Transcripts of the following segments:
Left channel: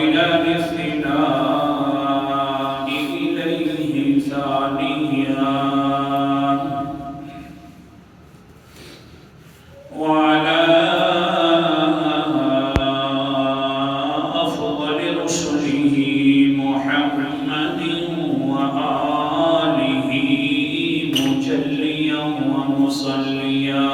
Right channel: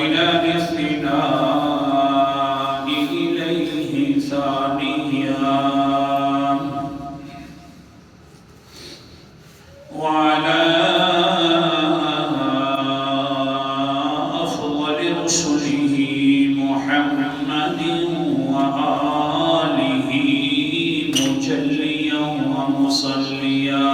والهلال اثنان إليه ثانيان وعلى أفضل رسله محمد وآله مجليا ومصليا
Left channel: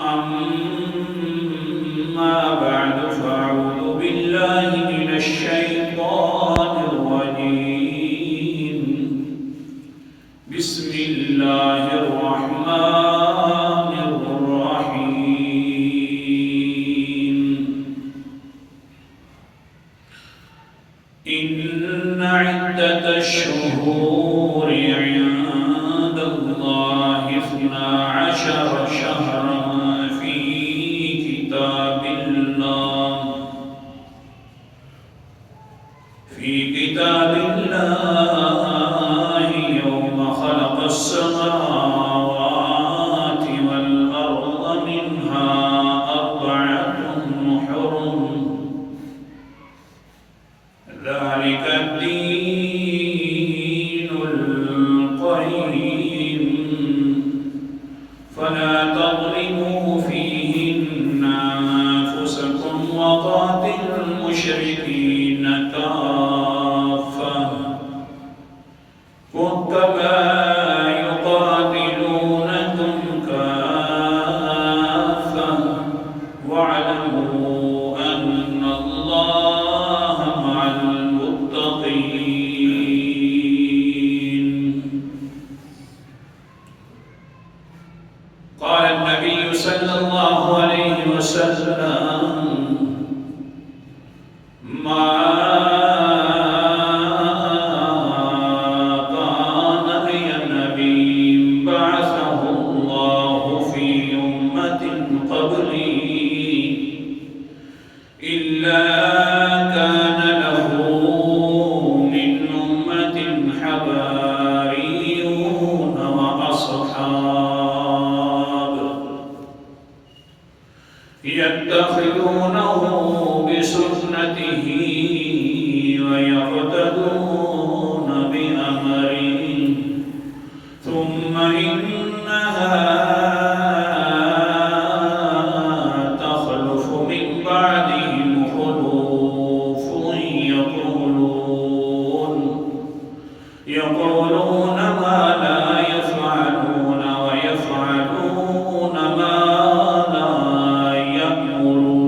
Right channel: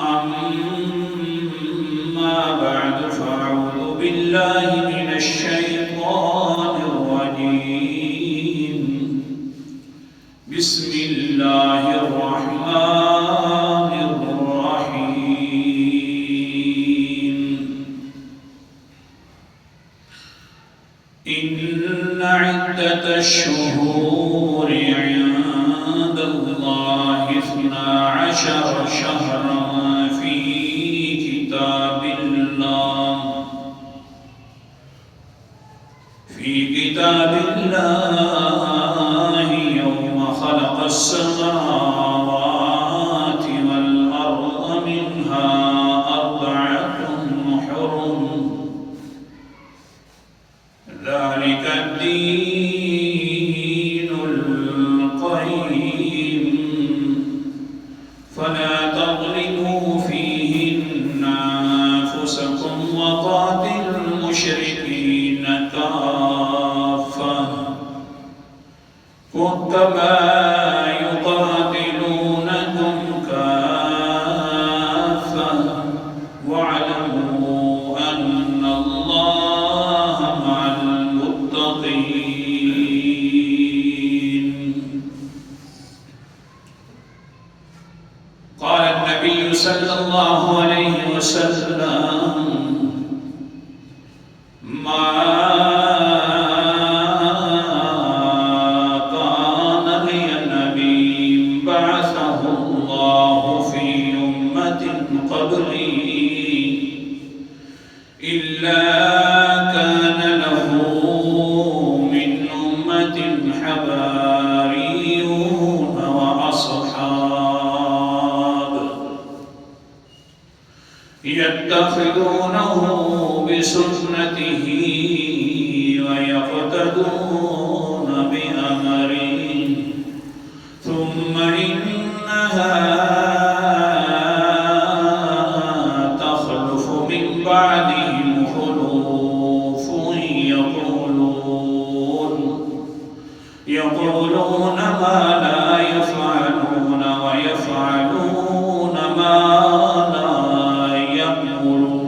أما بعد فأعوذ بالله من الشيطان الرجيم بسم الله الرحمن الرحيم إن عدة الشهور عند الله 12 شهرا في كتاب الله يوم خلق السماوات والأرض منها 4 حرم ذلك الدين القيم فلا تظلموا فيهن أنفسكم وقاتلوا المشركين كافة كما يقاتلونكم كافة واعلموا أن الله مع المتقين. قال النبي صلى الله عليه وسلم ما كان لنبي بعثه الله في أمة قبلي إلا كان له من أمة حواريون وأصحاب يتخذونه بسنته ويقتدون بأمره ثم إنها تخلف من بعدهم خلوف يقولون ما لا يفعلون ويفعلون ما لا يأمرون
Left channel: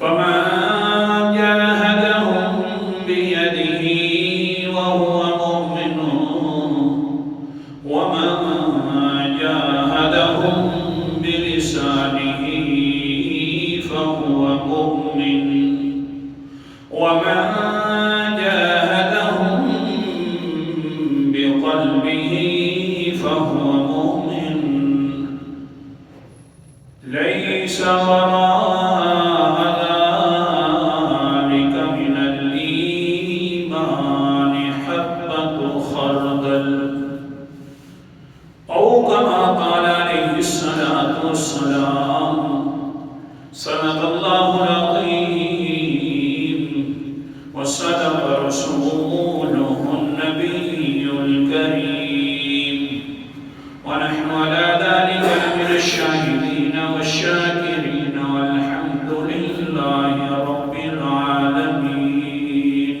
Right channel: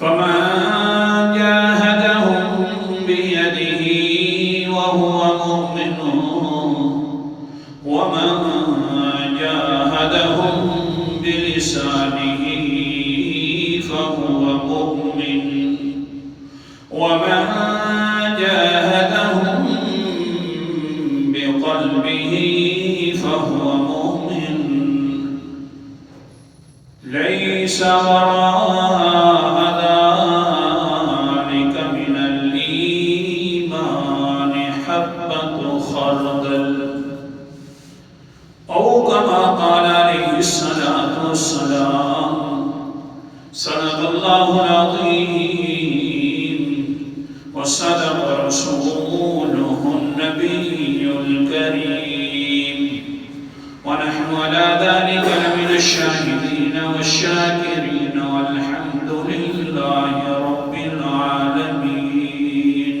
فمن جاهدهم بيده وهو مؤمن ومن جاهدهم بلسانه فهو مؤمن ومن جاهدهم بقلبه فهو مؤمن ليس وراء ذلك من الإيمان حبة خردل أو كما قال عليه الصلاة والسلام. صدق الله العظيم وصدق رسوله النبي الكريم ونحن على ذلك من الشاهدين والشاكرين والحمد لله رب العالمين.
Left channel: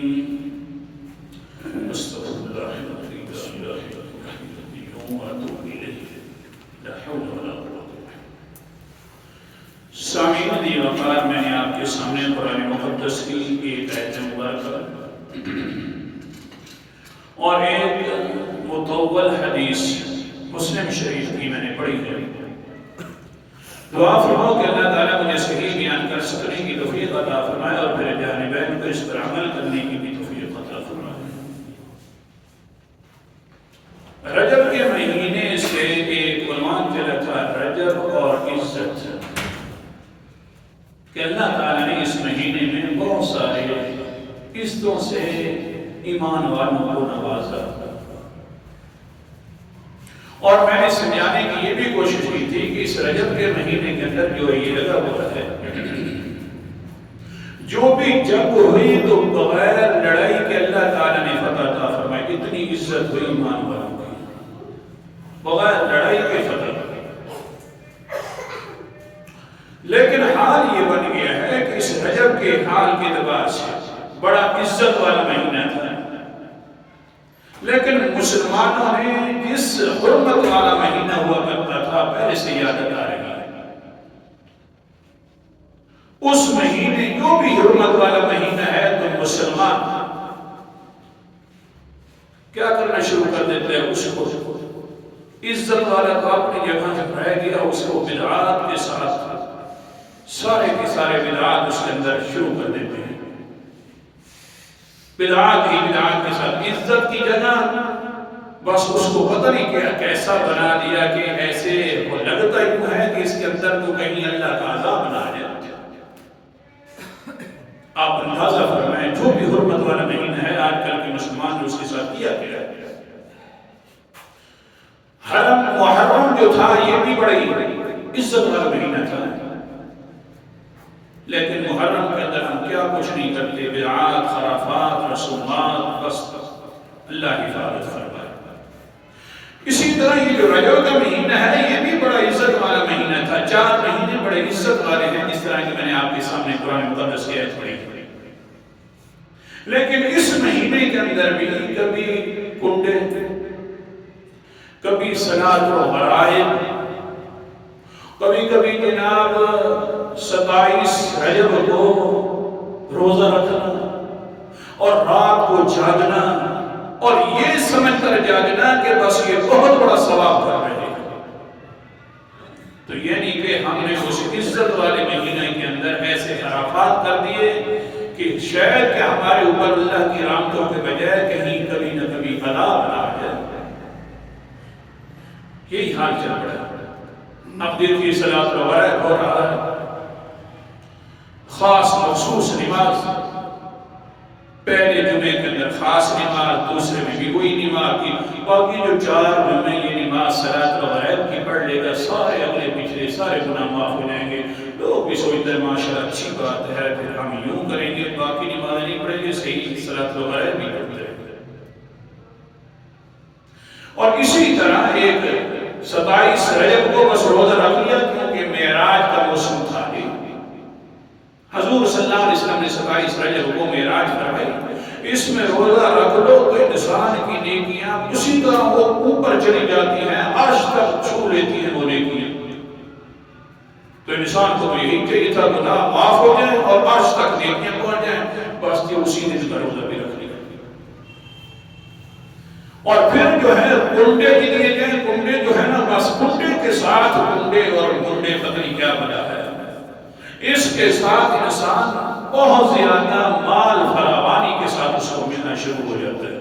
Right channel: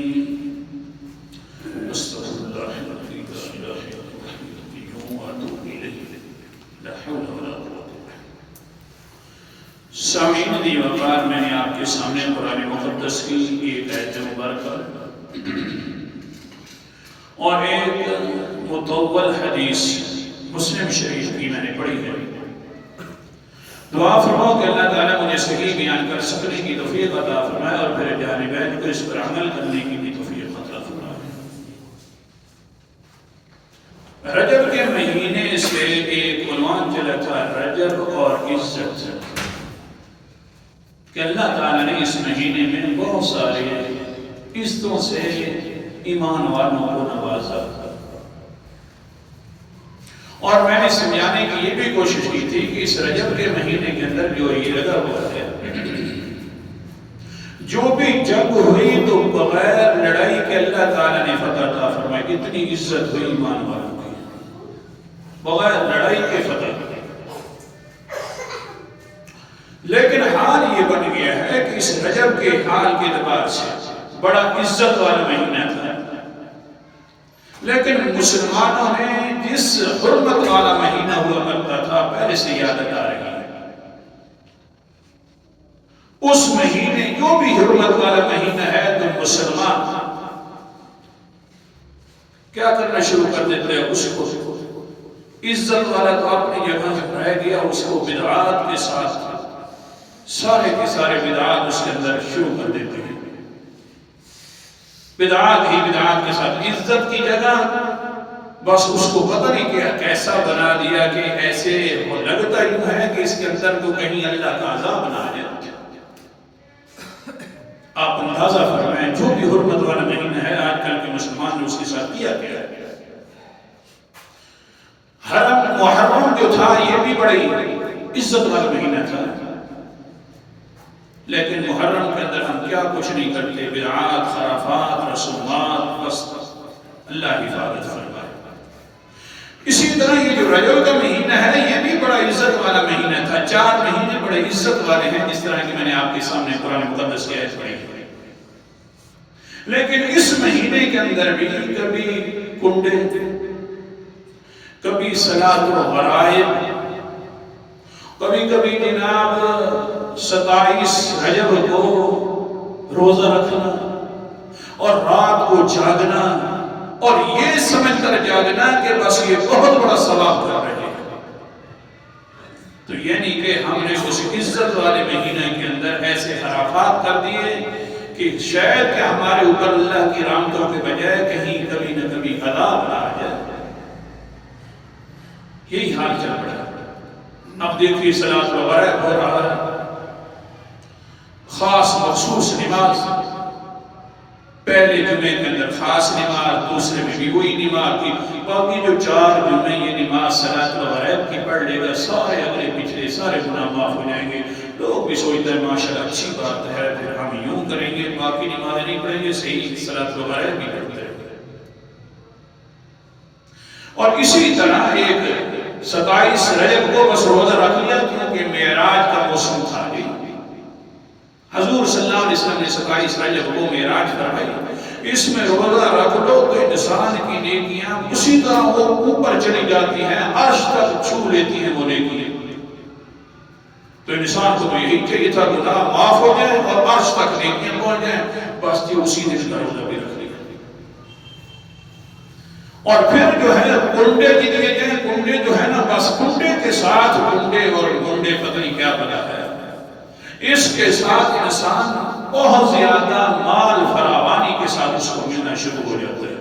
أستغفر الله العظيم وأتوب إليه لا حول ولا قوة. سامعین دی وقار میں نے آپ کے سامنے قرآن مقدس کی ایک آیت مبارکہ اور ایک مطول حدیث مسلم شریف کی میں نے پڑھی ہے. دعا فرماؤ کہ اللہ تعالیٰ مجھے صحیح بیان کر سکنے کی توفیق عطا فرمائے اور پھر جانبین کو اس پر عمل کرنے کی بھی توفیق عطا فرمائے. رجب کے مہینے سے ایک عنوان چلا تھا رجب اور عزت کہ اللہ تعالیٰ نے اس مہینے میں بہت سارے عزتوں سے ایمان والوں کو نوازا اور میں نے سمجھانے کی یہ بھی کوشش کی تھی کہ اس رجب کے مہینے کے اندر جو یہ لگا ہوا ہے، جو بھی جنگ ہوئی تو بغیر لڑائی کے اللہ تعالیٰ نے فتح عطا فرمائی. اتنی عزت ہوئی ایمان والوں کی، بغیر لڑائی کے فتح. لیکن حال یہ بن گیا ہے کہ اس رجب کے حال کے اعتبار سے بڑا عزت والا مہینہ تھا، لیکن مسلمانوں نے جس حرمت والا مہینہ ہوا کرتا تھا پہلے سے یاد آ رہی ہے. اس مہینے جو بھی حرمت والا مہینہ ہے تو مسلمان کیا کرنا شروع کر دیتے ہیں؟ اس کو عزت والا تو اپنی جگہ سے رہ گیا، اس کو بدعات کے ساتھ سارے کے سارے بدعات اس کے اندر شروع کر دیتے ہیں. بدعات ہی بدعات کے ساتھ عزت کی جگہ بس اس کو پتہ نہیں کیا کیسا بنا دیا کہ ایسے وہ لگتا یوں ہے کہ اس کے اندر تو کہیں اللہ کا عذاب بنا جائے. آپ اندازہ فرمائیں جو بھی حرمت والا مہینہ ہے آج کل کے مسلمان نے اس کے ساتھ کیا کیا ہے. محرم جو تھا یہ بھی بڑی عزت والا مہینہ تھا، لیکن محرم کے اندر ہم کیا کچھ نہیں کرتے، بدعات، خرافات، رسومات، بس اللہ حفاظت فرمائے. اسی طرح یہ جو رجب کا مہینہ ہے یہ بھی بڑا عزت والا مہینہ تھا. 4 مہینے بڑے عزت والے ہیں، جس طرح کہ میں نے آپ کے سامنے قرآن مقدس کی آیت پڑھی. لیکن اس مہینے کے اندر بھی کبھی کنڈے، کبھی صلاۃ و غرائب، کبھی کبھی جناب 27 رجب کو روزہ رکھنا اور رات کو جاگنا، اور یہ سمجھ کر جاگنا کہ بس یہ بہت بڑا ثواب کر رہے ہیں. تو یہ نہیں کہ ہم نے اس عزت والے مہینے کے اندر ایسے خرافات کر دیے کہ شاید کہ ہمارے اوپر اللہ کی رحمتوں کے بجائے کہیں کبھی نہ کبھی عذاب نہ آ جائے. یہی حال چل پڑا. اب دیکھیے صلاۃ وغیرہ ہو رہا ہے، خاص مخصوص نماز، پہلے جمعے کے اندر خاص نماز، دوسرے میں بھی وہی نماز کی، باقی جو 4 جمعے یہ نماز صلاۃ وغیرہ کی پڑھ لے گا سارے اگلے پچھلے سارے گناہ معاف ہو جائیں گے. لوگ بھی سوچتے ہیں ماشاءاللہ اچھی بات ہے، پھر ہم یوں کریں گے، باقی نمازیں نہیں پڑھیں گے، صحیح صلاۃ وغیرہ بھی پڑھتے ہیں. اور اسی طرح ایک 27 رجب کو بس روزہ رکھ لیا کیونکہ معراج کا موسم تھا. حضور صلی اللہ علیہ وسلم نے 27 رجب کو معراج کروائی. اس میں روزہ رکھ لو تو انسان کی نیکیاں اسی طرح وہ اوپر چلی جاتی ہیں، عرش تک چھو لیتی ہیں وہ نیکیاں. تو انسان کو یہی چاہیے تھا گناہ معاف ہو جائیں اور عرش تک نیکیاں پہنچ جائیں، بس یہ اسی دن کا روزہ بھی رکھ لیا. اور پھر جو ہے کنڈے دیے جائیں. کنڈے جو ہے نا بس کنڈے کے ساتھ کنڈے، اور کنڈے پتہ نہیں کیا بنا ہے، اس کے ساتھ انسان بہت زیادہ مال فراوانی کے ساتھ اس کو ملنا شروع ہو جاتا ہے.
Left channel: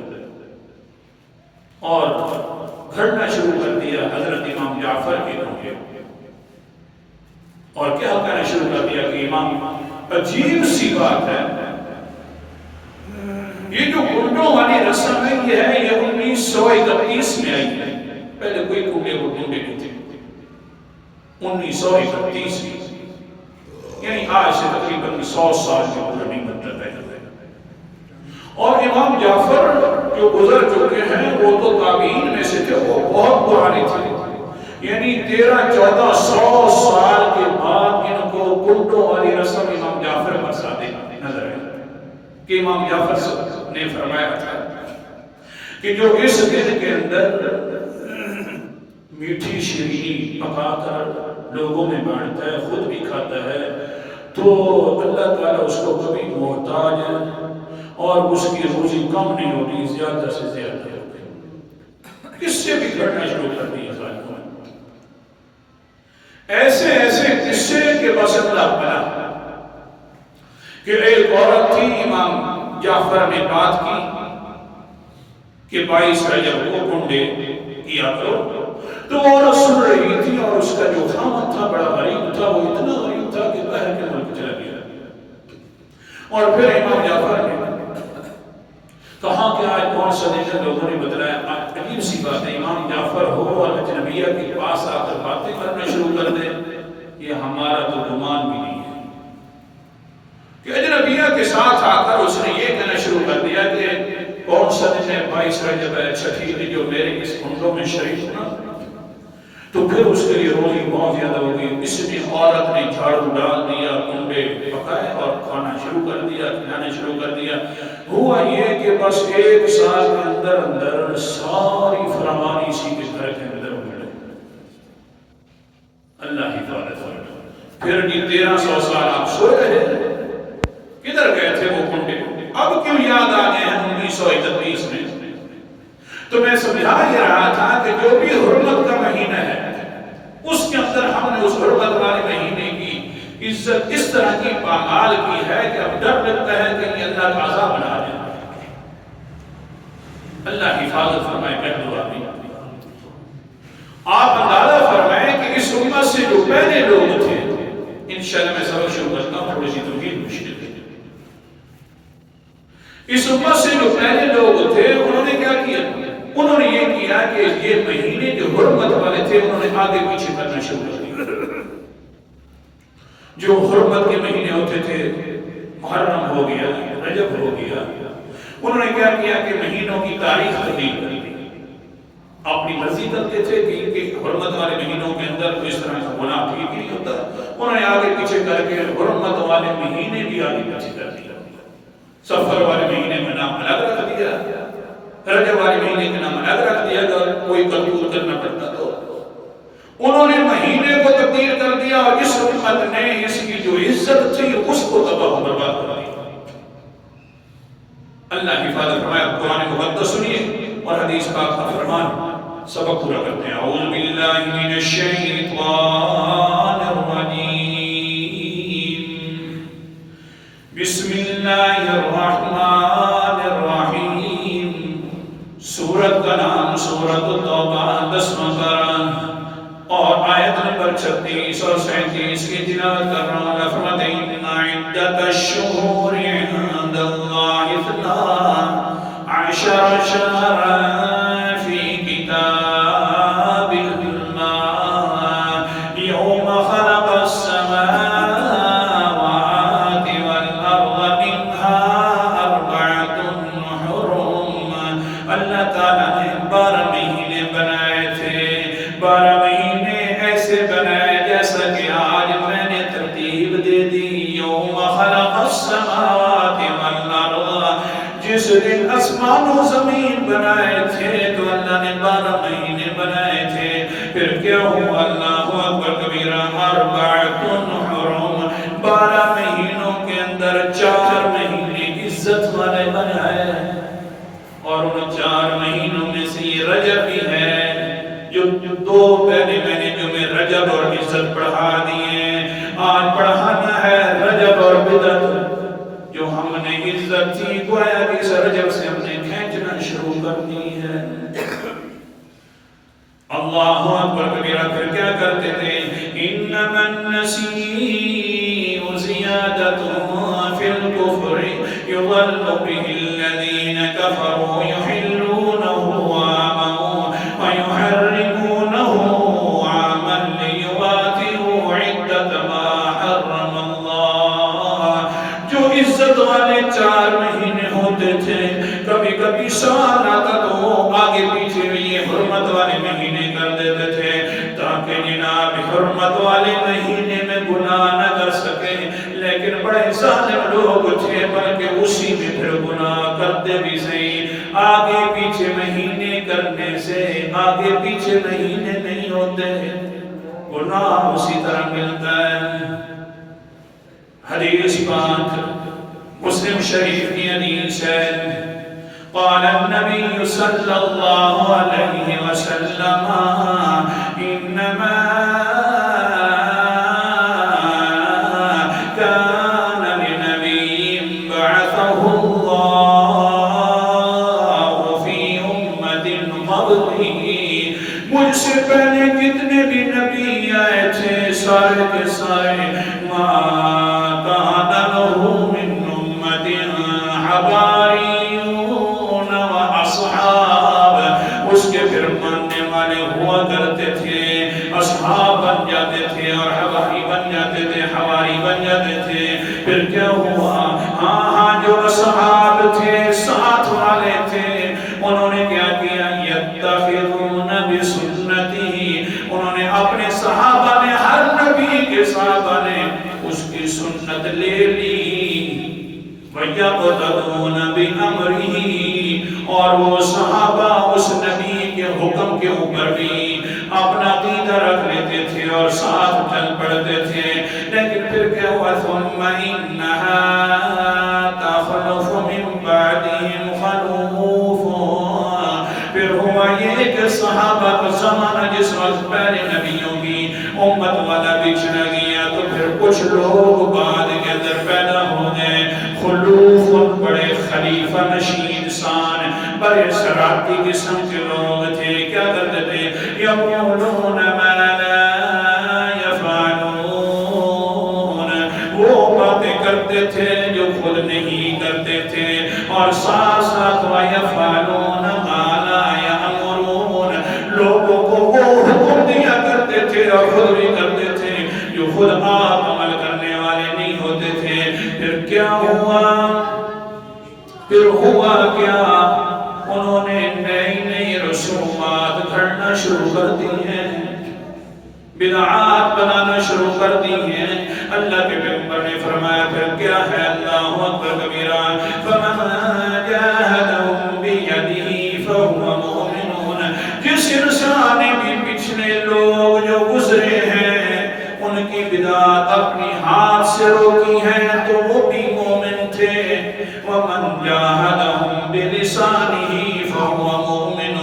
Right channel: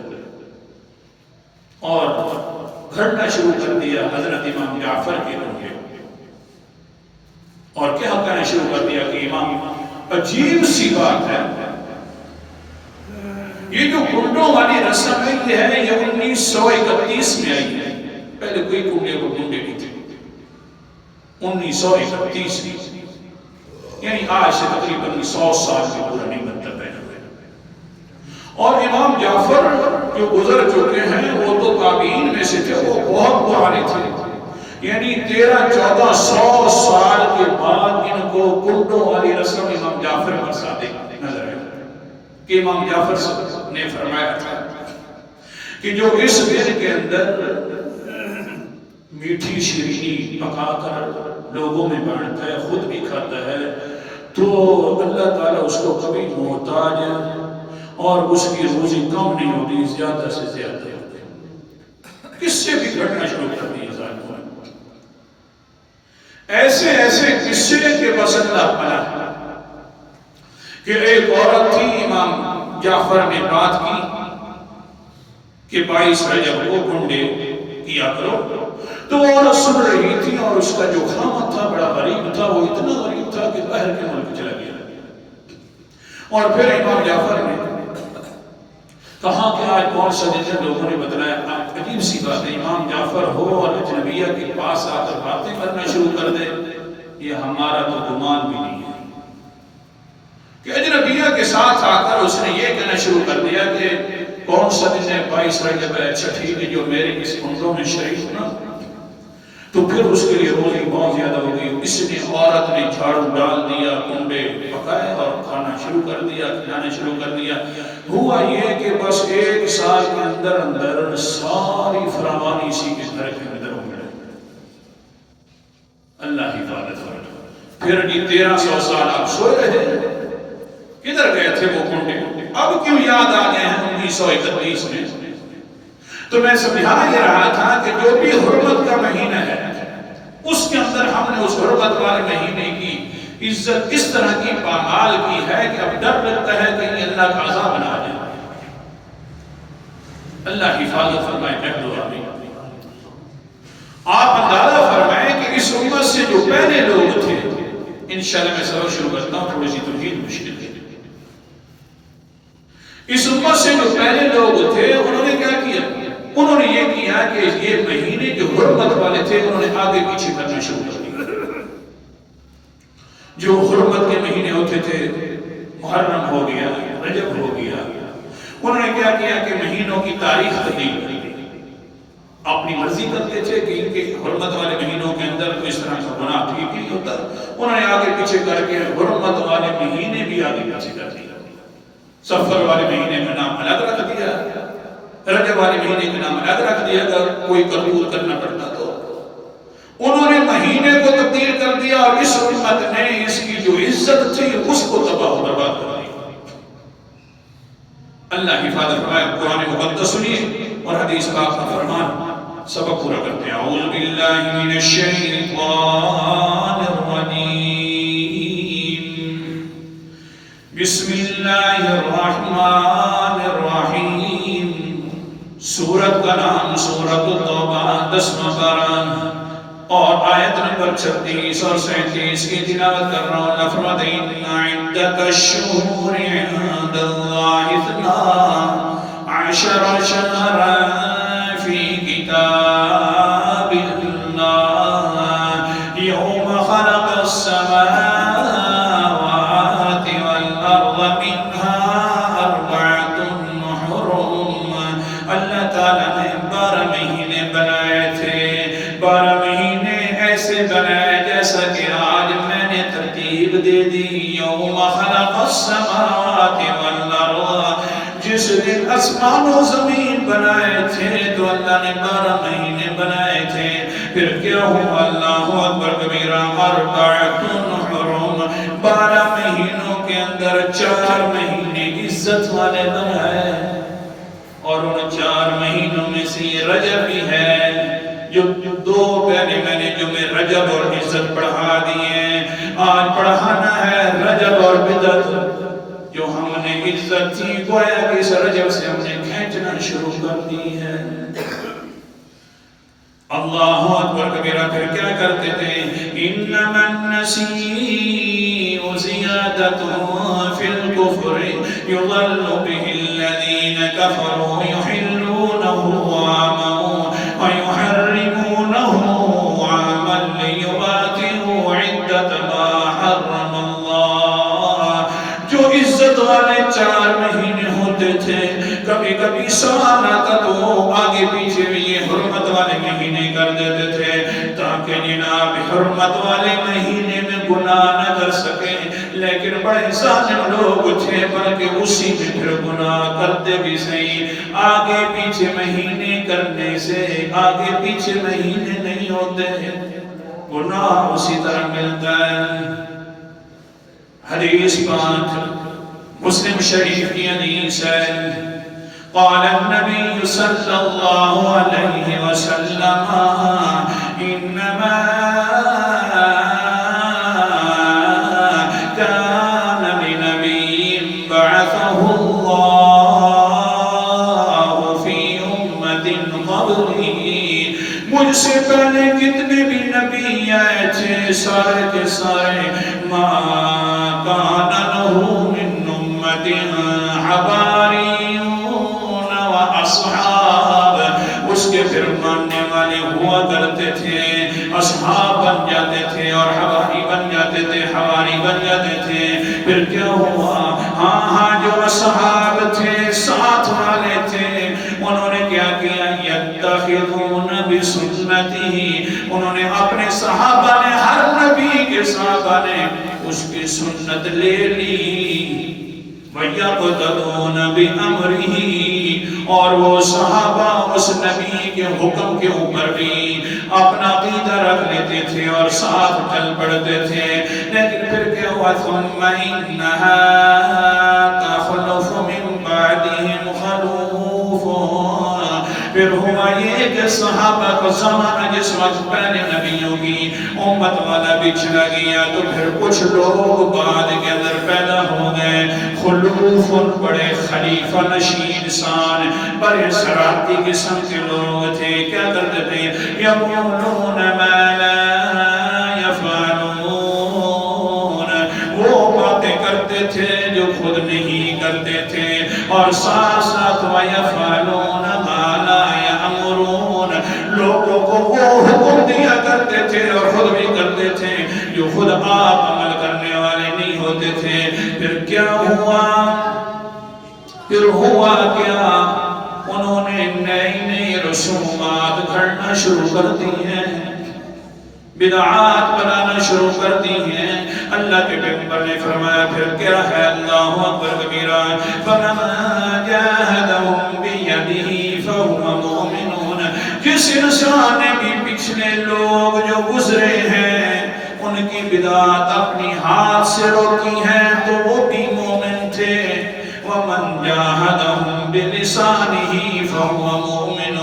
اور گھڑنا شروع کر دیا حضرت امام جعفر کے کنڈے، اور کیا کہنا شروع کر دیا کہ امام، عجیب سی بات ہے یہ جو کنڈوں والی رسم ہے یہ ہے یہ 1931 میں آئی ہے. پہلے کوئی کنڈے کو کنڈے نہیں تھے. 1931 میں، یعنی آج سے تقریباً 100 سال سے پورا نہیں بنتا پہلے. اور امام جعفر جو گزر چکے ہیں وہ تو تابعین میں سے تھے، وہ بہت پرانے تھے. یعنی 1300-1400 سال کے بعد ان کو کنڈوں والی رسم امام جعفر پر صادق نظر آئی کہ امام جعفر نے فرمایا تھا کہ جو اس دن کے اندر میٹھی شیرینی پکا کر لوگوں میں بانٹتا ہے، خود بھی کھاتا ہے، تو اللہ تعالیٰ اس کو کبھی محتاج اور اس کی روزی کم نہیں ہوگی، زیادہ سے زیادہ ہوگی. کس سے بھی گھٹنا شروع کر دی ظالموں نے. ایسے ایسے قصے کے بس اللہ بنا کہ ایک عورت تھی، امام جعفر نے بات کی کہ 22 رجب کو کنڈے کیا کرو. تو عورت سن رہی تھی اور اس کا جو خامد تھا بڑا غریب تھا، وہ اتنا غریب تھا کہ باہر کے ملک چلا گیا. اور پھر امام جعفر نے کہا کہ آج کون سا دن ہے؟ لوگوں نے بتلایا عجیب سی بات ہے، امام جعفر ہو اور اجنبیہ کے پاس آ کر باتیں کرنا شروع کر دے، یہ ہمارا تو گمان بھی نہیں ہے کہ اجنبیہ کے ساتھ آ کر اس نے یہ کہنا شروع کر دیا کہ کون سا دن ہے 22 رجب ہے، اچھا ٹھیک ہے جو میرے اس کنڈوں میں شریک ہونا، تو پھر اس کے لیے روزی بہت زیادہ ہوگی۔ اس نے عورت نے جھاڑو ڈال دیا، کنڈے پکائے اور کھانا شروع کر دیا، کھلانا شروع کر دیا۔ ہوا یہ کہ بس 1 سال کے اندر اندر ساری فراوانی اسی کے گھر کے اندر ہونے لگی۔ اللہ حفاظت ہو۔ پھر جی 1300 سال آپ سو رہے، کدھر گئے تھے وہ کنڈے؟ اب کیوں یاد آ گئے ہیں 1931 میں؟ تو میں سمجھا یہ رہا تھا کہ جو بھی حرمت کا مہینہ ہے اس کے اندر ہم نے اس حرمت والے مہینے کی عزت کس طرح کی پامال کی ہے کہ اب ڈر لگتا ہے کہ یہ اللہ کا عذاب نہ آ جائے۔ اللہ حفاظت فرمائے، کہہ دو آمین۔ آپ اندازہ فرمائیں کہ اس امت سے جو پہلے لوگ تھے، انشاءاللہ میں سبق شروع کرتا ہوں، تھوڑی سی توحید مشکل ہے۔ اس امت سے جو پہلے لوگ تھے انہوں نے کیا کیا؟ انہوں نے یہ کیا کہ یہ مہینے جو حرمت والے تھے انہوں نے آگے پیچھے کرنا شروع کر دیا۔ جو حرمت کے مہینے ہوتے تھے، محرم ہو گیا، رجب ہو گیا، انہوں نے کیا کیا کہ مہینوں کی تاریخ تبدیل کر دی۔ اپنی مرضی کرتے تھے کہ ان کے حرمت والے مہینوں کے اندر کوئی اس طرح کا گناہ ٹھیک نہیں ہوتا، انہوں نے آگے پیچھے کر کے حرمت والے مہینے بھی آگے پیچھے کر دیا۔ سفر والے مہینے کا نام الگ رکھ دیا، رجب والے مہینے کا نام الگ رکھ دیا، اگر کوئی قبول کرنا پڑتا تو انہوں نے مہینے کو تبدیل کر دیا، اور اس امت نے اس کی جو عزت تھی اس کو تباہ و برباد کر دیا۔ اللہ حفاظت فرمائے۔ قرآن مقدس سنیے اور حدیث پاک کا فرمان، سبق پورا کرتے ہیں۔ اعوذ باللہ من الشیطان الرجیم، بسم اللہ الرحمن الرحیم۔ سورت کا نام سورت التوبہ، 10واں پارہ اور آیت نمبر 36 اور 37 کی تلاوت کر رہا ہوں۔ فرماتے ہیں ان عدت الشہور عند اللہ 12 شہرا فی کتاب اللہ یوم خلق السماوات والارض منها 4 حرم۔ اللہ تعالیٰ نے 12 مہینے بنائے تھے، 12 مہینے ایسے بنائے جیسا کہ آج میں نے ترتیب دے دی۔ یوم خلق السماوات والارض، جس دن آسمان و زمین بنائے تھے تو اللہ نے 12 مہینے بنائے تھے۔ پھر کیا ہوا؟ اللہ اکبر کبیرہ، 4 حرم، 12 مہینوں کے اندر 4 مہینے عزت والے بنائے، اور ان 4 مہینوں میں سے یہ رجب بھی ہے، جو 2 پہلے مہینے جو میں رجب اور عزت پڑھا دیے، آج پڑھانا ہے رجب اور بدعت، جو ہم نے عزت تھی گویا کہ اس رجب سے ہم نے کھینچنا شروع کر دی ہے۔ اللہ اکبر کبیرہ۔ پھر کیا کرتے تھے؟ انما النسیء زیادۃ فی الکفر یضل به الذین کفروا یحلونہ عاما ویحرمونہ عاما لیواطئوا عدۃ ما حرم اللہ۔ جو عزت والے 4 مہینے ہوتے تھے، کبھی کبھی سال آتا تو آگے پیچھے بھی یہ حرمت والے مہینے کر دیتے تھے، تاکہ جناب حرمت والے مہینے میں گناہ نہ کر سکے۔ لیکن بڑے ظالم لوگ تھے، بلکہ اسی میں پھر گناہ کرتے بھی صحیح۔ آگے پیچھے مہینے کرنے سے آگے پیچھے مہینے نہیں ہوتے، گناہ اسی طرح ملتا ہے۔ حدیث پاک مسلم شریف کی حدیث ہے، قال النبي صلى الله عليه وسلم انما كان لنبي بعثه الله في امة قبله، مجھ سے پہلے جتنے بھی نبی آئے تھے سارے کے سارے، ما كان له من امة حباري، اس تھے اور حواری بن جاتے تھے، حواری بن جاتے تھے. پھر کیا ہوا؟ ہاں جو اصحاب تھے، ساتھ والے تھے، انہوں نے کیا کیا؟ یتخذون بسنتی، انہوں نے اپنے صحابہ نے، ہر نبی کے صحابہ نے اس کی سنت لے لی. وَيَقْتَدُونَ بِأَمْرِهِ، اور وہ صحابہ اس نبی کے حکم کے اوپر بھی اپنا عقیدہ رکھ لیتے تھے اور ساتھ چل پڑتے تھے. لیکن پھر کیا ہوا؟ ثُمَّ إِنَّهَا تَخْلُفُ مِن بَعْدِهِمْ خَلُوفٌ، پھر ہوا یہ کہ صحابہ کا زمانہ جس وقت پہلے نبیوں کی امت والا بچھڑا گیا تو پھر کچھ لوگ بعد کے اندر پیدا ہو گئے. خلوف، بڑے خلیفہ نشین انسان، بڑے شرارتی قسم کے لوگ تھے. کیا کرتے تھے؟ یقولون ما لا یفعلون، وہ باتیں کرتے تھے جو خود نہیں کرتے تھے، اور ساتھ ساتھ وَيَفْعَلُونَ مَا لَا يَأْمُرُونَ، لوگوں کو وہ حکم دیا کرتے تھے اور خود بھی کرتے تھے جو خود آپ عمل کرنے والے نہیں ہوتے تھے. پھر کیا ہوا؟ پھر ہوا کیا؟ انہوں نے نئی نئی رسومات گھڑنا شروع کر دی ہیں، بدعات بنانا شروع کر دی ہیں. اللہ کے پیغمبر نے فرمایا پھر کیا ہے؟ اللہ اکبر کبیرہ. فَمَنْ جَاهَدَهُمْ بِيَدِهِ فَهُوَ مُؤْمِنُونَ، جس انسان نے بھی پچھلے لوگ جو گزرے ہیں ان کی بدعات اپنی ہاتھ سے روکی ہیں تو وہ بھی مومن تھے. وَمَنْ جَاهَدَهُمْ بِلِسَانِهِ فَهُوَ مُؤْمِنٌ،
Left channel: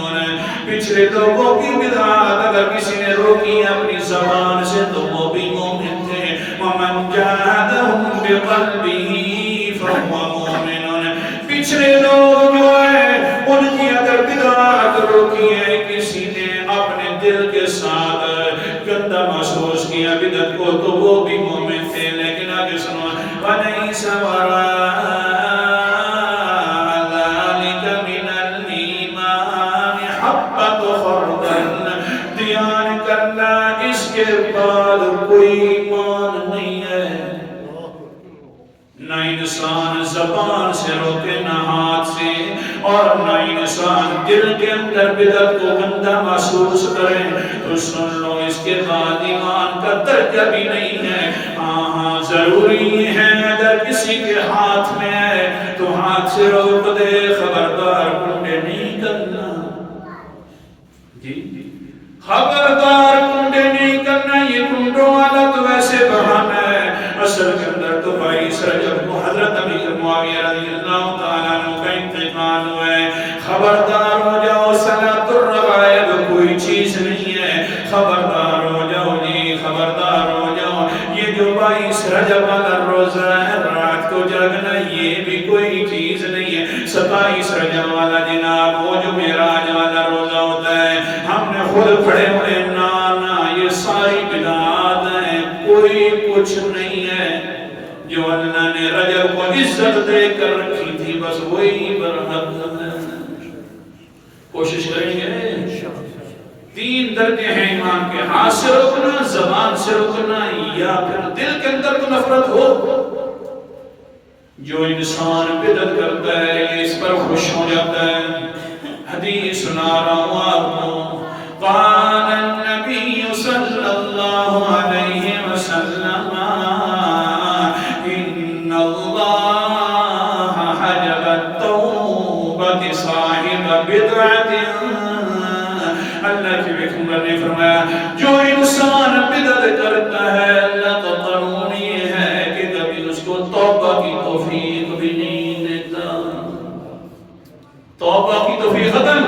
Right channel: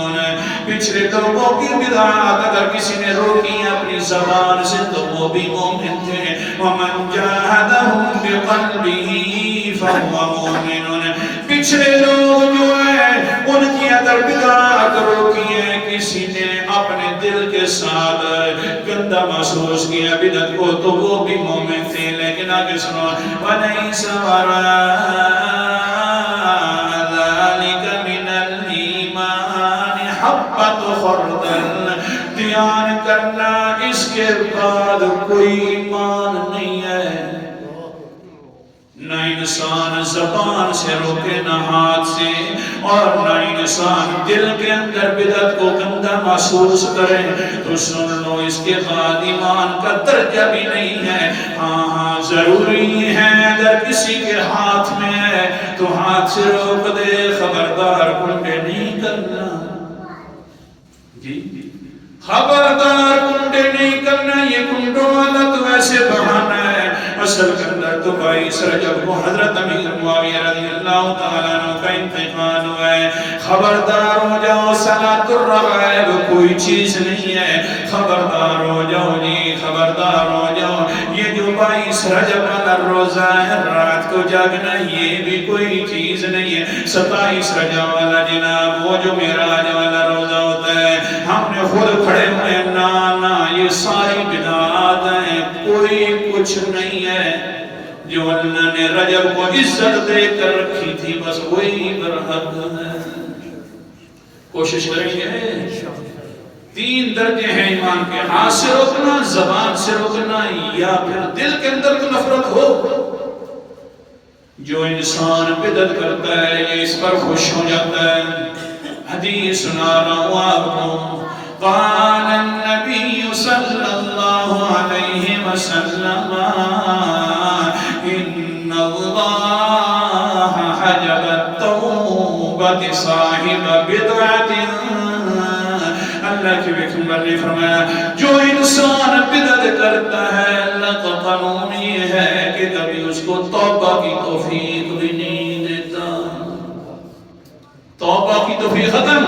پچھلے لوگوں کی بدعات اگر کسی نے روکی اپنی زبان سے تو وہ بھی مومن تھے. وَمَنْ جَاهَدَهُمْ بِقَلْبِهِ فَهُوَ مُؤْمِنٌ، پچھلے لوگ جو ہیں ان کی اگر بدعات روکی ہے، کسی نے اپنے دل کے ساتھ گندہ محسوس کیا بدعت کو تو وہ بھی مومن تھے. لیکن آگے سنو، وَلَيْسَ وَرَاءَ ذَلِكَ مِنَ الْإِيمَانِ حَبَّةُ خَرْدَلٍ، دھیان کرنا اس کے بعد کوئی ایمان نہیں ہے. نہ انسان زبان سے روکے، نہ ہاتھ سے، اور نہ انسان دل کے اندر بدعت کو گندہ محسوس کرے تو سن لو اس کے بعد ایمان کا درجہ بھی نہیں ہے. ہاں ضروری ہے اگر کسی کے ہاتھ میں ہے تو ہاتھ سے روک دے، خبردار کنڈے نہیں کرنا. جی خبردار کنڈے نہیں کرنا. یہ کنڈوں والا تو ویسے بہانہ ہے، اصل کے اندر تو 22 رجب کو حضرت امیر معاویہ رضی اللہ تعالیٰ عنہ کا انتقال ہوا ہے. خبردار ہو جاؤ، صلاۃ الرغائب کوئی چیز نہیں ہے. خبردار ہو جاؤ جی، خبردار ہو جاؤ. یہ جو 22 رجب والا روزہ ہے، رات کو جاگنا، یہ بھی کوئی چیز نہیں ہے. 27 رجب والا جناب وہ جو معراج والا روزہ ہوتا ہے، ہم نے خود پڑھے ہوئے، نانا یہ ساری بدعات ہیں، کوئی کچھ نہیں ہے. جو اللہ نے رجب کو عزت دے کر رکھی تھی بس وہی برحق ہے. کوشش کریں گے. 3 درجے ہیں ایمان کے، ہاتھ سے روکنا، زبان سے روکنا، یا پھر دل کے اندر تو نفرت ہو. جو انسان بدعت کرتا ہے یہ اس پر خوش ہو جاتا ہے. حدیث سنا رہا ہوں آپ کو. قال النبی صلی اللہ علیہ وسلم ان اللہ حجب التوبۃ صاحب بدعۃ. اللہ کے پیغمبر نے فرمایا جو انسان بدعت کرتا ہے اللہ کا قانون یہ ہے کہ کبھی اس کو توبہ کی توفیق بھی نہیں دیتا. توبہ کی توفیق ختم.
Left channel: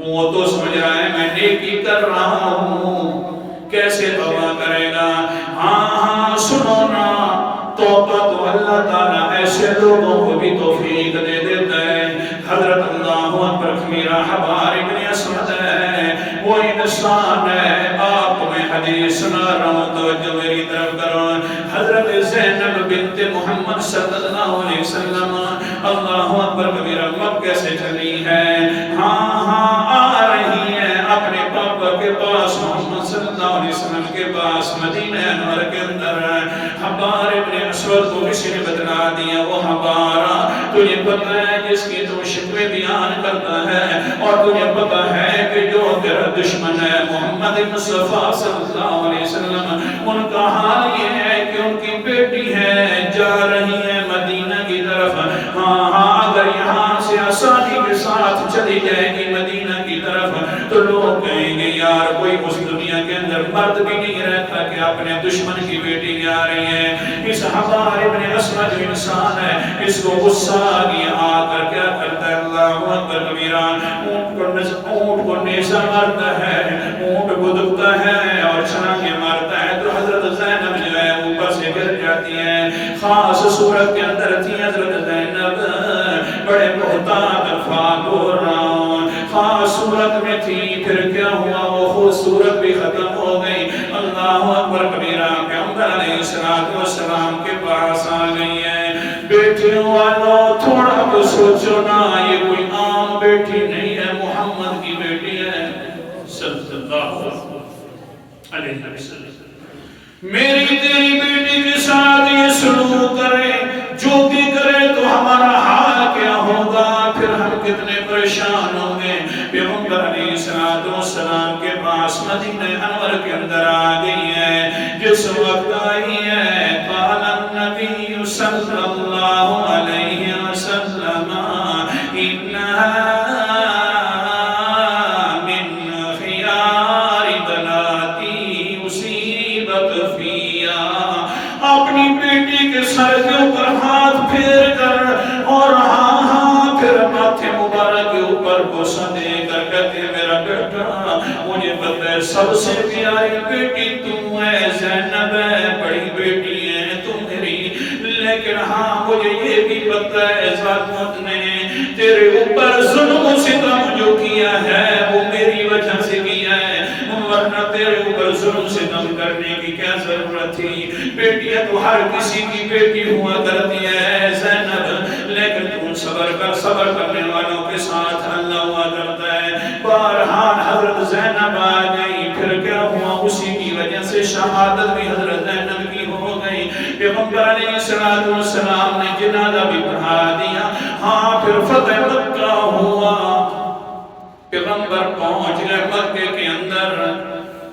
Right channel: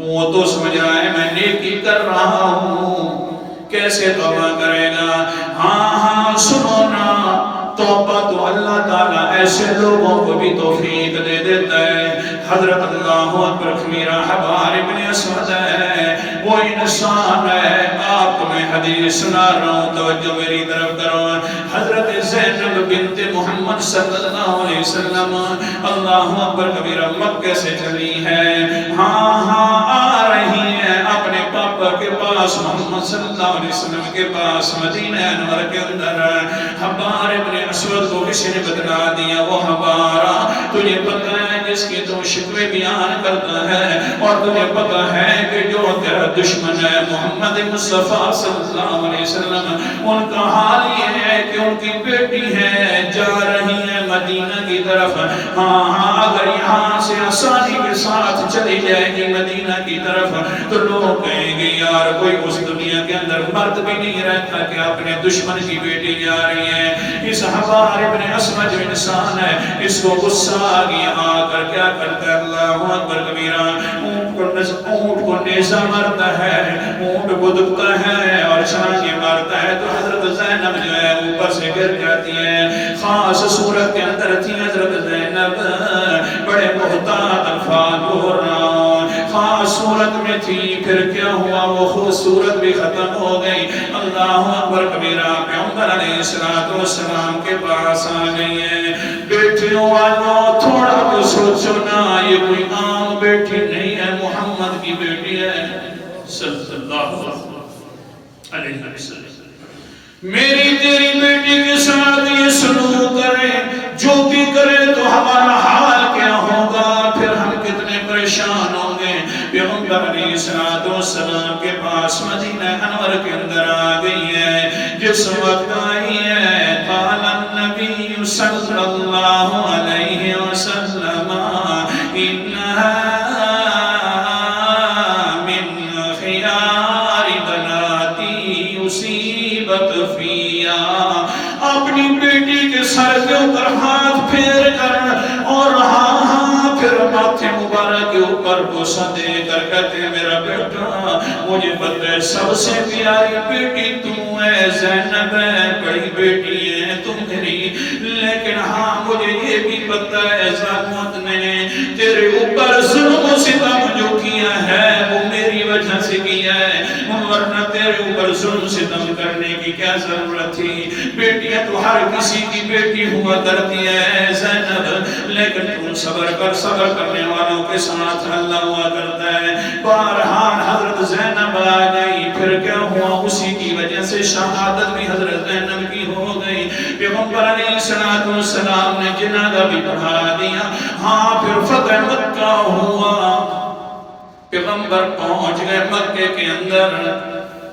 وہ تو سمجھ رہا ہے میں نیکی کر رہا ہوں، کیسے توبہ کرے گا؟ ہاں سنو نا، توبہ تو اللہ تعالیٰ ایسے لوگوں کو بھی توفیق دے دیتا ہے. حضرت اللہ اکبر میرا حبار ابن اسود ہے، وہ انسان ہے. آپ کو میں حدیث سنا رہا ہوں، توجہ میری طرف کرو. حضرت زینب بنت محمد صلی اللہ علیہ وسلم اللہ اکبر کبیرہ مکہ سے چلی ہے. ہاں آ رہی ہے اپنے پاپا کے پاس محمد صلی اللہ علیہ وسلم کے پاس مدینہ انور کے اندر حبار ابن اسود کو کسی نے بتلا دیا وہ حبارہ تجھے پتہ ہے جس کی تو شکوے بیان کرتا ہے اور تجھے پتہ ہے کہ جو تیرا دشمن ہے محمد مصطفیٰ صلی اللہ علیہ وسلم ان کا حال یہ ہے کہ ان کی بیٹی ہے جا رہی ہے مدینہ کی طرف ہاں اگر یہاں سے آسانی کے ساتھ چلی جائے گی مدینہ کی طرف تو لوگ کہیں گے یار کوئی اس دنیا کے اندر مرد بھی نہیں رہتا کہ اپنے دشمن کی بیٹی جا رہی ہے اس حبار ابن اسود جو انسان ہے اس کو غصہ آ گیا آ کر کیا کرتا ہے اللہ اکبر کبیرہ اونٹ کو نیزہ مارتا ہے اونٹ کو دکتا ہے اور چھلانگے مارتا ہے تو حضرت زینب جو ہے اوپر سے گر جاتی ہے خاص صورت کے اندر تھی حضرت زینب بڑے محتاط الفاظ بول رہا ہوں خاص صورت میں تھی پھر کیا ہوا وہ خود صورت بھی ختم ہو گئی اللہ اکبر کبیرہ پیغمبر علیہ السلام کے پاس آ گئی ہے بیٹیوں والوں تھوڑا تو سوچو نا یہ کوئی عام بیٹی نہیں ہے محمد کی بیٹی ہے صلی اللہ علیہ وسلم میری تیری بیٹی کے ساتھ یہ سلوک کرے جو بھی کرے تو ہمارا حال کیا ہوگا پھر ہم کتنے پریشان ہوں گے پیغمبر علیہ السلام کے پاس مدینہ انور کے اندر آ گئی ہے جس وقت آئی ہے قال النبی صلی اللہ علیہ وسلم انہا اپنی بیٹی کے سر کے اوپر ہاتھ پھیر کر اور ہاں پھر ماتھے مبارک کے اوپر بوسہ دے کر کہتے ہیں میرا بیٹا مجھے پتہ ہے سب سے پیاری بیٹی تم ہے زینب ہے بڑی بیٹی ہے تم میری لیکن ہاں مجھے یہ بھی پتہ ہے ظالمت نے تیرے اوپر ظلم و ستم جو کیا ہے وہ میری وجہ سے کیا ہے ورنہ تیرے اوپر ظلم ستم کرنے کی کیا ضرورت تھی بیٹیاں تو ہر کسی کی بیٹی ہوا کرتی ہے زینب لیکن تم صبر کر صبر کرنے والوں کے ساتھ اللہ ہوا کرتا ہے بہرحال حضرت زینب آ گئی پھر کیا ہوا اسی کی وجہ سے شہادت بھی حضرت زینب کی ہو گئی پیغمبر علیہ السلام نے جنازہ بھی پڑھا دیا ہاں پھر فتح مکہ ہوا پیغمبر پہنچ گئے مکے کے اندر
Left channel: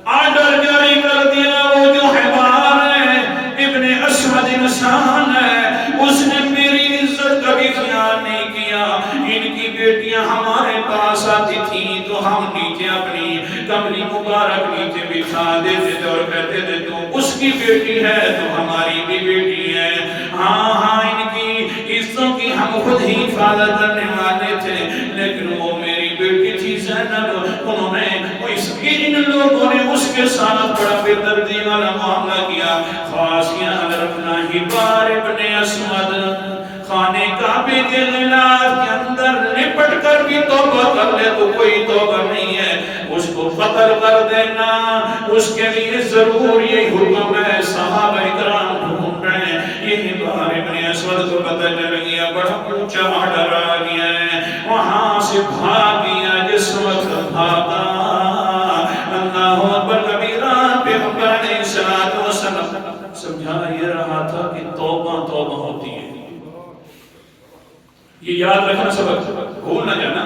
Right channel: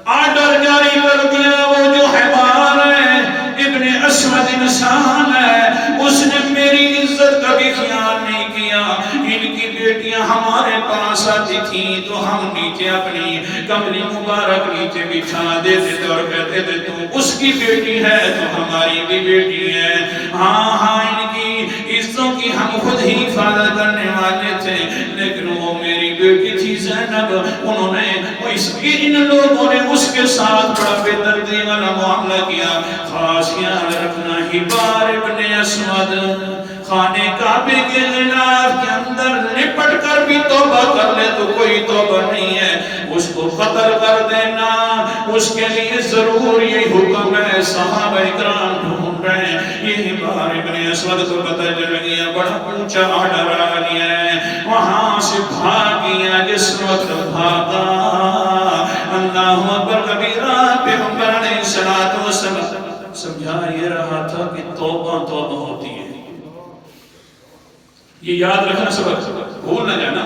آرڈر جاری کر دیا وہ جو حبار ہے ابن اسود انسان ہے اس نے میری عزت کا بھی خیال نہیں کیا ان کی بیٹیاں ہمارے پاس آتی تھیں تو ہم نیچے اپنی کملی مبارک نیچے بچھا دیتے تھے اور کہتے تھے تو اس کی بیٹی ہے تو ہماری بھی بیٹی ہے ہاں ان کی عزتوں کی ہم خود ہی حفاظت کرنے والے تھے لیکن وہ میری بیٹی تھی زینب انہوں نے ان لوگوں نے اس کے ساتھ بڑا بے دردی والا معاملہ کیا خاص خیال رکھنا حبار ابن اسود خانے کعبے کے غلاف کے اندر لپٹ کر بھی توبہ کر لے تو کوئی توبہ نہیں ہے اس کو قتل کر دینا اس کے لیے ضرور یہ حکم ہے صحابہ اکرام ڈھونڈ رہے ہیں یہ حبار ابن اسود کو پتہ چل گیا بڑا اونچا آرڈر آ گیا ہے وہاں سے بھاگ گیا جس وقت بھاگا اللہ اکبر کبیرہ پیغمبر علیہ السلام سمجھا یہ رہا تھا کہ توبہ توبہ ہوتی ہے یہ یاد رکھنا سبق بھول نہ جانا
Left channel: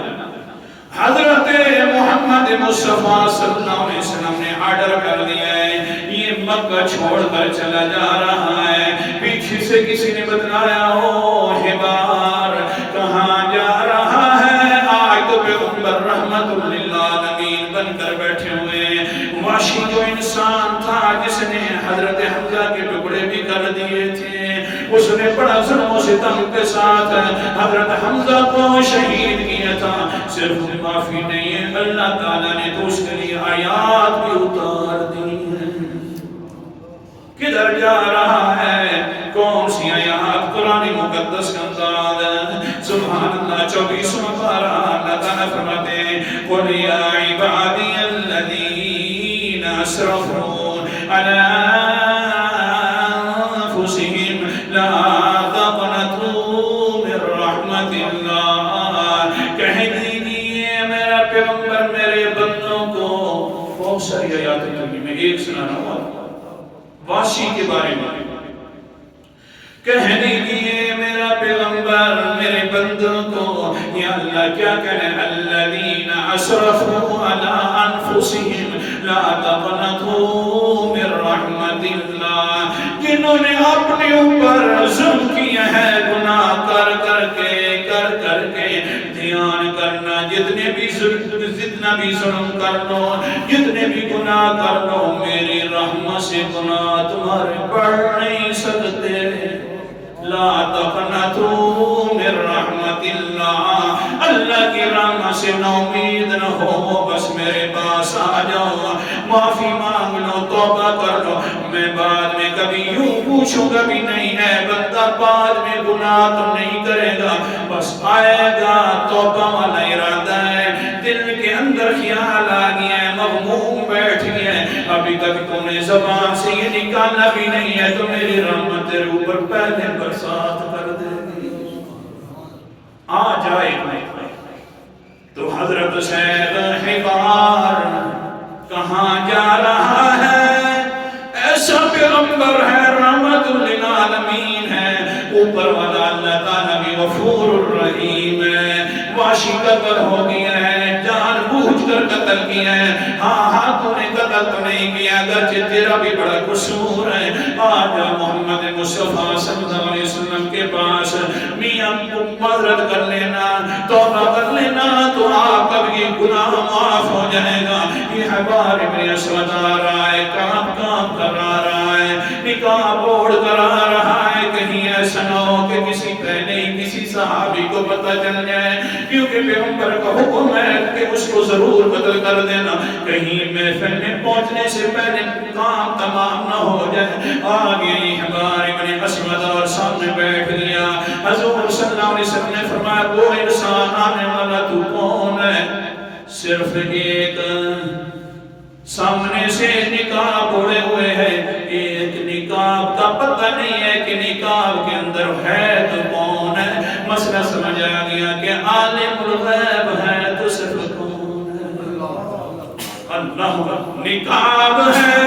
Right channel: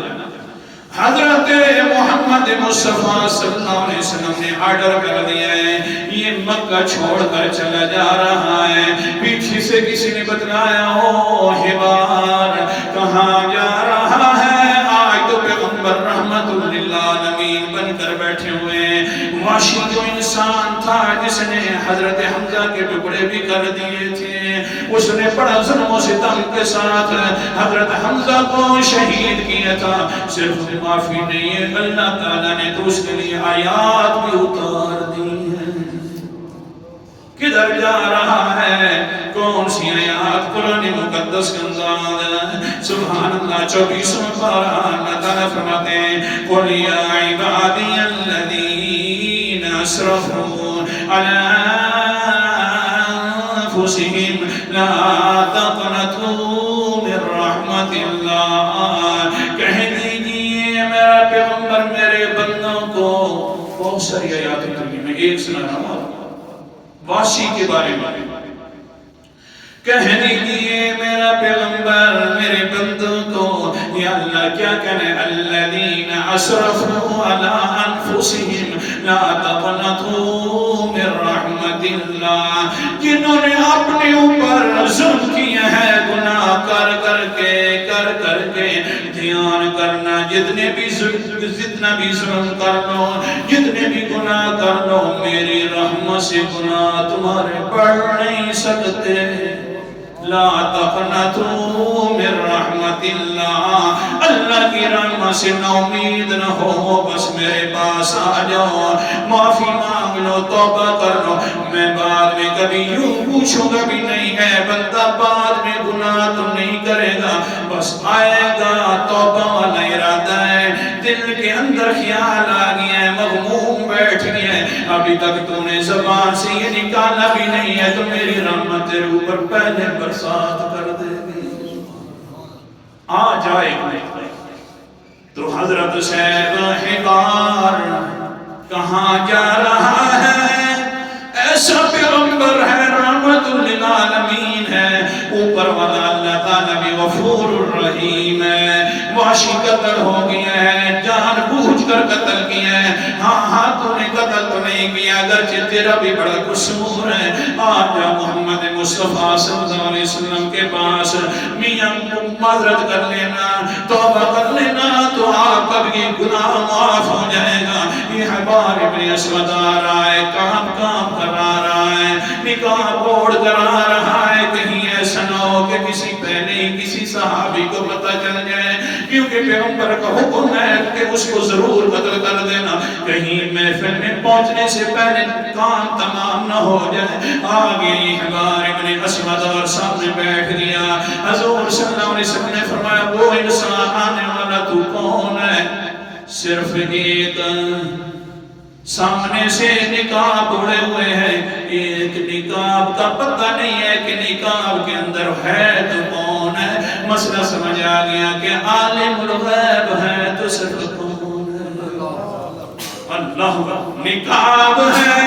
حضرت محمد مصطفیٰ صلی اللہ علیہ وسلم نے آرڈر کر دیا ہے یہ مکہ چھوڑ کر چلا جا رہا ہے پیچھے سے کسی نے بتلایا ہو حبار کہاں جا رہا ہے آج تو پیغمبر رحمت للعالمین بن کر بیٹھے ہوئے ہیں وحشی جو انسان تھا جس نے حضرت حمزہ کے ٹکڑے بھی کر دیے تھے اس نے بڑا ظلم و ستم کے ساتھ حضرت حمزہ کو شہید کیا تھا صرف معافی نہیں ہے اللہ تعالیٰ نے تو اس کے لیے آیات بھی اتار دی ہے کدھر جا رہا ہے کون سی آیات قرآن مقدس کا انداز سبحان اللہ 24واں پارہ اللہ تعالیٰ فرماتے ہیں قُلْ يَا عِبَادِيَ الَّذِينَ أَسْرَفُوا عَلَىٰ أَنفُسِهِمْ لَا تَقْنَطُوا مِن رَحْمَةِ اللَّهِ کہہ دیجئے میرا پیغمبر میرے بندوں کو سنا رہا ہوں واشی کے بارے میں کہنے لیے میرا پیغمبر میرے بندوں کو یا اللہ کیا کریں الذین اسرفوا علی انفسہم لا تقنطوا من رحمت اللہ جنہوں نے اپنے اوپر ظلم کیا ہے گناہ کر کے دھیان کرنا جتنا بھی ظلم کر لو جتنے بھی گناہ کر لو میری رحمت سے گناہ تمہارے بڑھ نہیں سکتے لا تقنطوا من رحمت اللہ اللہ کی رحمت سے ناامید نہ ہو بس میرے پاس آ جاؤ معافی مانگ لو توبہ کر لو میں بعد میں کبھی یوں پوچھوں گا بھی نہیں ہے بندہ بعد میں گناہ تو نہیں کرے گا بس آئے گا توبہ والا ارادہ ہے دل کے اندر خیال آ گیا ہے مغموم بیٹھ گیا ہے ابھی تک تو نے زبان سے یہ نکالا بھی نہیں ہے تو میری رحمت تیرے اوپر پہلے برسات کر دے گی آ جائے گا تو حضرت سید حبار کہاں جا رہا ہے ایسا پیغمبر ہے رحمت للعالمین ہے اوپر والا اللہ تعالیٰ بھی غفور الرحیم ہے واشی قتل ہو گیا ہے جان بوجھ کر قتل کیا ہے ہاں تو نے قتل تو نہیں کیا اگرچہ تیرا بھی بڑا قصور ہے آجا محمد مصطفیٰ صلی اللہ علیہ وسلم کے پاس میاں معذرت کر لینا توبہ کر لینا تو آپ کا بھی گناہ معاف ہو جائے گا یہ حبار ابن اسود آ رہا ہے کام کر رہا ہے نکاح اوڑھ کر آ رہا ہے کہیں ایسا نہ ہو کہ کسی پہلے کسی صحابی کو پتہ چل جائے کیونکہ پیغمبر کا حکم ہے کہ اس کو ضرور قتل کر دینا کہیں محفل میں پہنچنے سے پہلے کام تمام نہ ہو جائے آگے حبار ابن اسود اور سامنے بیٹھ گیا حضور صلی اللہ علیہ وسلم نے فرمایا وہ انسان آنے والا تو کون ہے صرف ایک سامنے سے نقاب اڑے ہوئے ہیں ایک نقاب کا پتہ نہیں ہے کہ نقاب کے اندر ہے تو کون ہے مسئلہ سمجھ آ گیا کہ عالم الغیب ہے تو صرف کون ہے اللہ نقاب ہے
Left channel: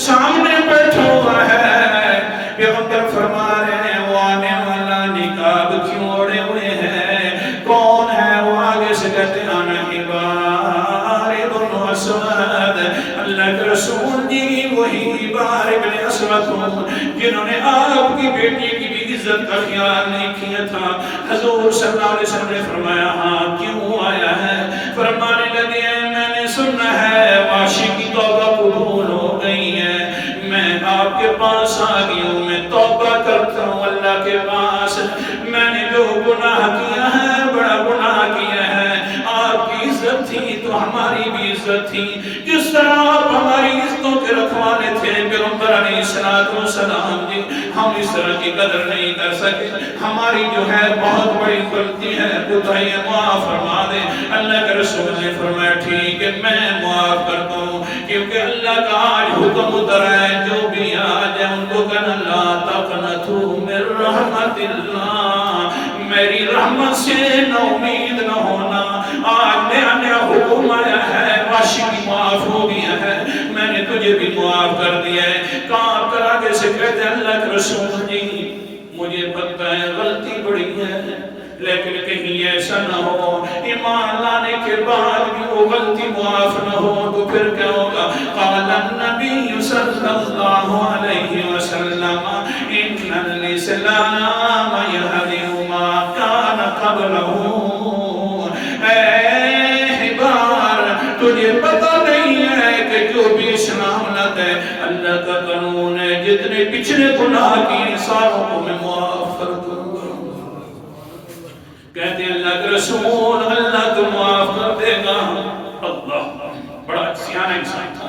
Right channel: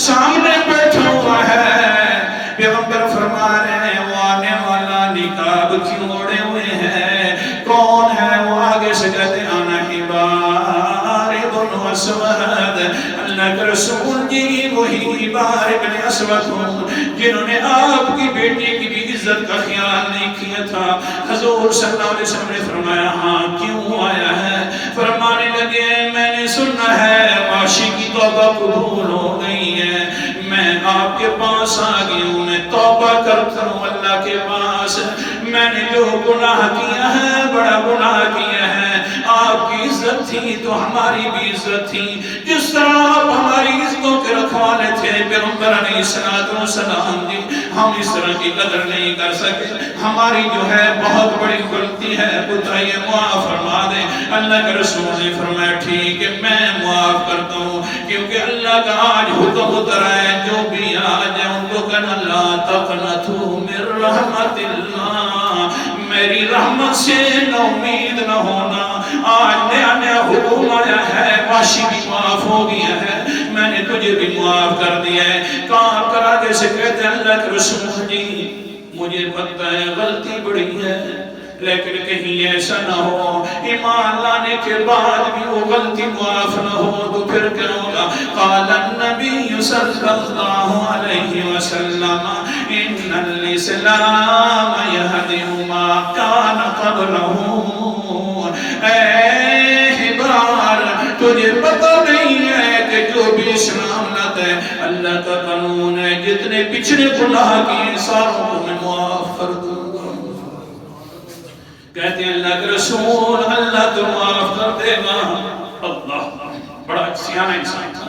سامنے بیٹھا ہوا ہے پیغمبر فرما رہے ہیں وہ آنے والا نقاب کیوں اڑے ہوئے ہیں کون ہے وہ آگے سے کہتے ہیں آنا حبار ابن اسود اللہ کے رسول جی وہی حبار ابن اسود ہوں جنہوں نے آپ کی بیٹی کی بھی عزت کا خیال نہیں کیا تھا حضور صلی اللہ علیہ وسلم نے فرمایا ہاں کیوں آیا ہے فرمانے لگے میں نے سنا ہے واشی کی توبہ قبول ہو گئی ہے میں آپ کے پاس آ گئی ہوں میں توبہ کرتا ہوں اللہ کے پاس میں نے جو گناہ کیا ہے بڑا گناہ کیا ہے آپ کی عزت تھی تو ہماری بھی عزت تھی جس طرح آپ ہماری عزتوں کے رکھوانے تھے پیغمبر علیہ السلام جی ہم اس طرح کی قدر نہیں کر سکے ہماری جو ہے بہت بڑی غلطی ہے بتائیے معاف فرما دے اللہ کے رسول نے فرمایا ٹھیک ہے میں معاف کرتا ہوں کیونکہ اللہ کا آج حکم اترا ہے جو بھی آ جائے ان کو کہنا لا تقنطوا من رحمت اللہ میری رحمت سے نہ امید نہ ہونا آج نیا حکم آیا ہے واشی بھی معاف ہو گیا ہے میں نے تجھے بھی معاف کر دیا ہے کہاں کر آگے سے کہتے اللہ کے رسول جی مجھے پتہ ہے غلطی بڑی ہے لیکن کہیں ایسا نہ ہو ایمان لانے کے بعد بھی وہ غلطی معاف نہ ہو تو پھر کیا ہوگا قال النبی صلی اللہ علیہ وسلم ان الاسلام یہدم ما کان قبلہ اے حبار تجھے پتہ نہیں ہے کہ جو بھی اسلام لاتا ہے اللہ کا قانون ہے جتنے پچھلے گناہ کیے ساروں کو میں معاف کر دوں کہتے ہیں اللہ کے رسول اللہ تو معاف کر دے گا اللہ بڑا سیاہ انسان تھا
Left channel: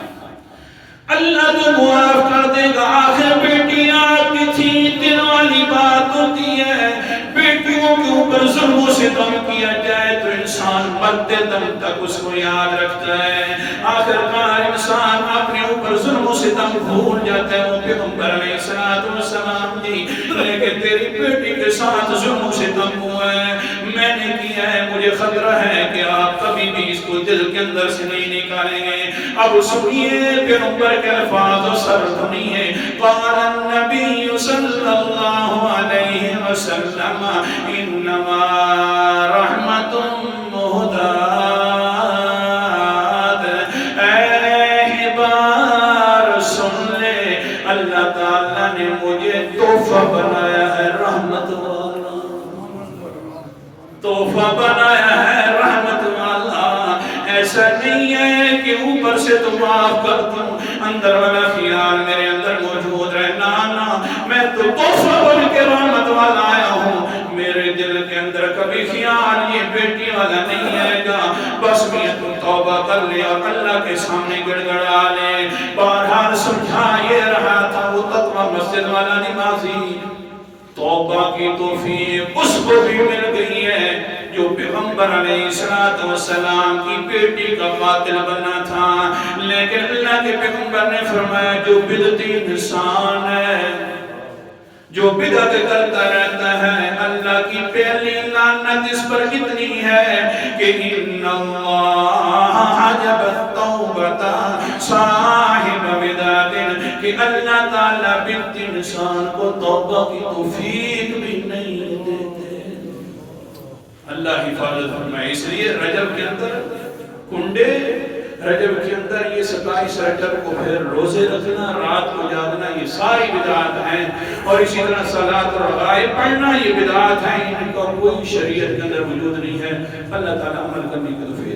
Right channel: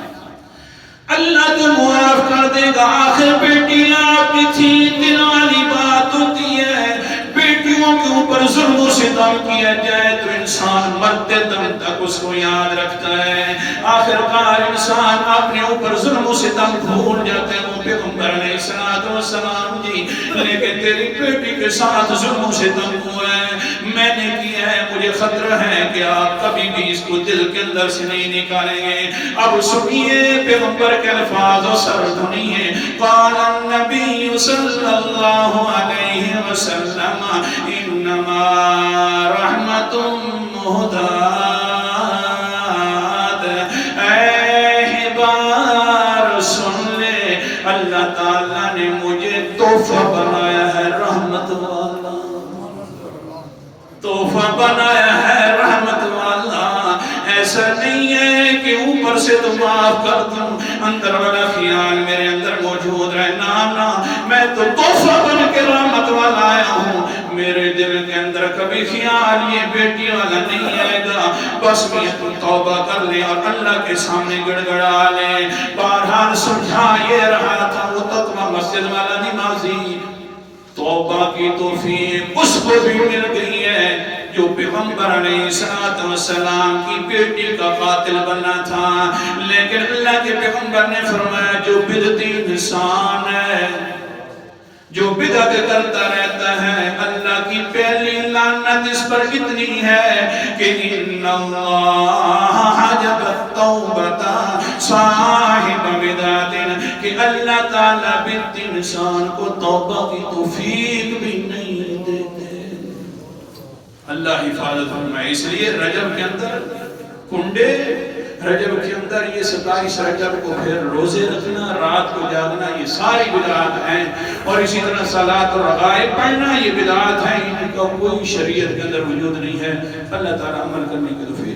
اللہ تو معاف کر دے گا آخر بیٹی آپ کی تھی دل والی بات ہوتی ہے بیٹیوں کے اوپر ظلم و ستم کیا جائے تو انسان مرتے دم تک اس کو یاد رکھتا ہے آخر کار انسان اپنے اوپر ظلم و ستم بھول جاتا ہے وہ پیغمبر علیہ السلام جی لیکن تیری بیٹی کے ساتھ ظلم و ستم ہوا ہے میں نے کیا ہے مجھے مجھے خطرہ ہے کہ آپ کبھی بھی اس کو دل کے اندر سے نہیں نکالیں گے. اب سنیے پیغمبر کے الفاظ و سر سنیے. قال النبی صلی اللہ علیہ وسلم انما رحمت مہدات. اے بار سن لے، اللہ تعالیٰ نے مجھے تحفہ بنایا ہے رحمت والا، تحفہ بنایا ہے رحمت والا. ایسا نہیں ہے کہ اوپر سے تو معاف کر دوں، اندر والا خیال میرے اندر موجود رہے. نا میں تو تحفہ بن کے رحمت والا آیا ہوں. میرے دل کے اندر کبھی خیال یہ بیٹی والا نہیں آئے گا. بس میں تو توبہ کر لے اور اللہ کے سامنے گڑ گڑا لے. بہرحال سمجھا یہ رہا تھا وہ تقوی مسجد والا نمازی. توبہ کی توفیق اس کو بھی مل گئی ہے جو پیغمبر علیہ السلام کی بیٹی کا قاتل بننا تھا. لیکن اللہ کے پیغمبر نے فرمایا جو بدعتی انسان ہے، جو بدعت کرتا رہتا ہے، اللہ کی پہلی لعنت اس پر اتنی ہے کہ ان اللہ حجب التوبۃ صاحب بدعت، کہ اللہ تعالیٰ بدعتی انسان کو توبہ کی توفیق بھی نہیں دیتے. اللہ حفاظت فرمائے. اس لیے رجب کے اندر کنڈے، رجب کے اندر یہ 27 رجب کو پھر روزے رکھنا، رات کو جاگنا، یہ ساری بدعات ہیں. اور اسی طرح صلاۃ اور رغائب پڑھنا، یہ بدعات ہیں، ان کا کوئی شریعت کے اندر وجود نہیں ہے. اللہ تعالیٰ عمل کرنے کی توفیق